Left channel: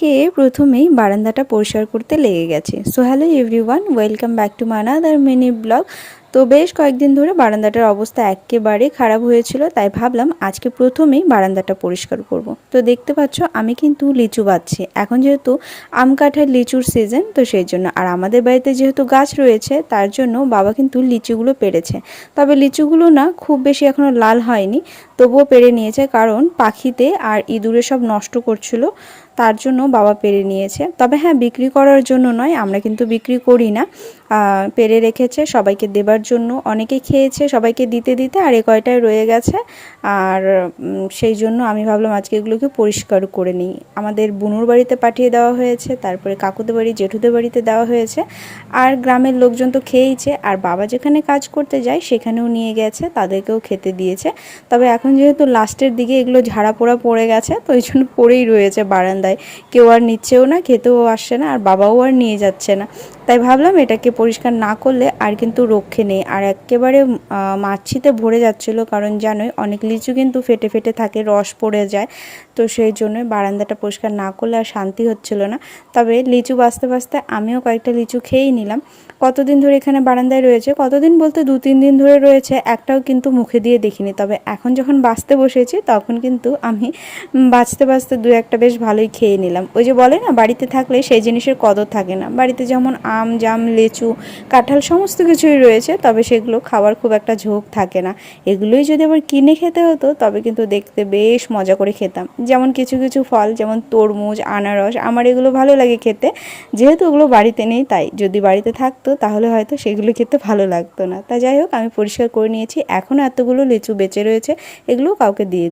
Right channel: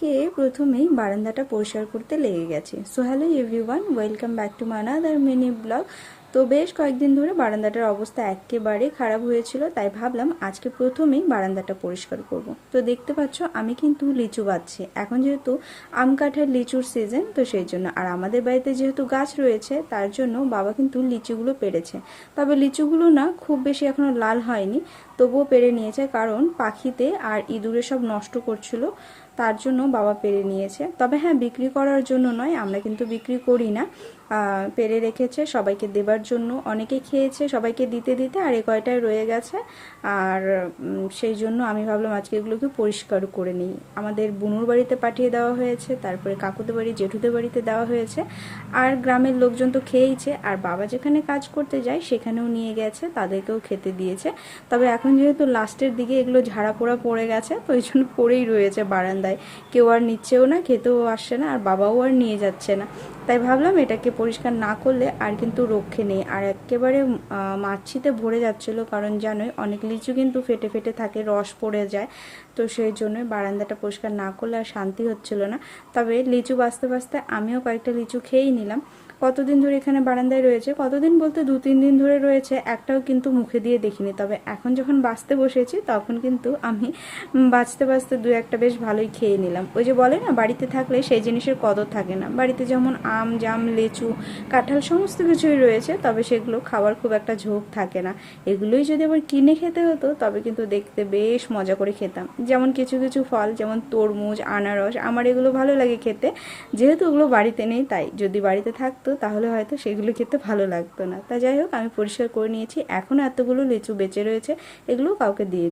কে প্রথমেই বারান্দাটা পরিষ্কার করতে লেগে গেছে। So hello everyone, welcome back to my another mini blog. তো বেশ কয়েকদিন ধরে বারান্দাটার অবস্থা একেবারে খারাপ হয়েছিল, তাই ভাবলাম আজকে প্রথমেই বারান্দাটা পরিষ্কার করব। তো দেখতে পাচ্ছ আমি কিন্তু লিচু বাচ্ছি, এখন যেহেতু আম কাঁঠাল লিচুর সিজন, তো সেই জন্য। আর আমাদের বাড়িতে যেহেতু গাছ রয়েছে তার জন্য বাবা কিন্তু লিচুগুলো পেড়েছে। তবে লিচুগুলো না খুব বেশি এখনও লাল হয়নি, তবুও পেড়ে নিয়েছে, কারণ পাখিতে আর ইঁদুরে সব নষ্ট করছিল, তার জন্য বাবা পেরে নিয়েছে। তবে হ্যাঁ, বিক্রি করার জন্য নয়, আমরা কিন্তু বিক্রি করি না, পেরে রেখেছে সবাইকে দেবার জন্য। অনেকে খেয়েছে, সবাইকে দিতে দিতে আর এ কয়টায় রয়ে গেছে। আর সেই জন্য আমি ভাবলাম আজকে এগুলোকে পরিষ্কার করে নিই। আমাদের বুনুর বাড়িতে পাঠিয়ে দেওয়া হয়েছে, তারপরে কাকুদের বাড়ি জেঠুদের বাড়িতে দেওয়া হয়েছে, আর গ্রামের লোকজন তো খেয়েইছে। আর বাবা যেখানে কাজ করতে যায় সেখানেও নিয়ে গেছে, তাদেরকেও খেতে দিয়েছে। তবে এখন যেহেতু লাস্টের দিকে এগুলো ঝাড়া পোড়া পড়ে গেছে, তো ওই জন্য পড়েই রয়েছে বারান্দায়, কেউ আর নিচ্ছেও না, খেতেও আসছে না, আর বাবাও আর নিয়ে যাচ্ছে না। তাই ভাবলাম এটাকে পরিষ্কার না করলে আর কিন্তু রক্ষে নেই। আর একেবারে মাছিতে ভরে যাচ্ছিলো, কারণ জানোই অনেক লিচু কিন্তু ফেটে ফেটে থাকে, রস পড়ে যায়। তো সেই জন্যই বারান্দাটা পরিষ্কার না করলে আর শান্তি হচ্ছিল না। তবে লিচু বাঁচতে বাঁচতে আমিও কয়েকটা লিচু খেয়েই নিলাম। কতদিন ধরে এখানে বারান্দায় রয়েছে, কতদিন বলতে 2-3 দিন ধরে রয়েছে, একটাও কিন্তু মুখে দিয়ে দেখিনি। তবে এখন যখন বাঁচতে বসেছি তখন কিন্তু আমি বাঁচতে বাঁচতে 2-1টা বেশ ভালোই খেয়ে নিলাম। ওই যে বলে না, বাড়িতে থাকলে সেই জিনিসের কদর থাকে না। বাড়িতে যেমন আম, জাম, লিচু, কাঁঠাল সমস্ত কিছুই রয়েছে, তবে সেগুলো খাওয়ার খুব একটা ঝোঁক থাকে না। এগুলোই যদি আবার কিনে খেতে হতো তবে কিন্তু দেখতে বেশ মজা করে খেতাম। যেমন কিছু কিছু ফল, যেমন তরমুজ, আনারস, আমার এগুলো ভালো লাগে খেতে। যেহেতু ওগুলো বাড়িতে নেই, তাই যদি বাড়িতে থাকতো তাহলে হয়তো সেগুলো খেতে ভালো লাগতো না। তা যাই হোক, আমি পরিষ্কার করে নিয়েছি। এখনও এতগুলো লিচু বেঁচে রয়েছে, এগুলো কাউকে দিয়ে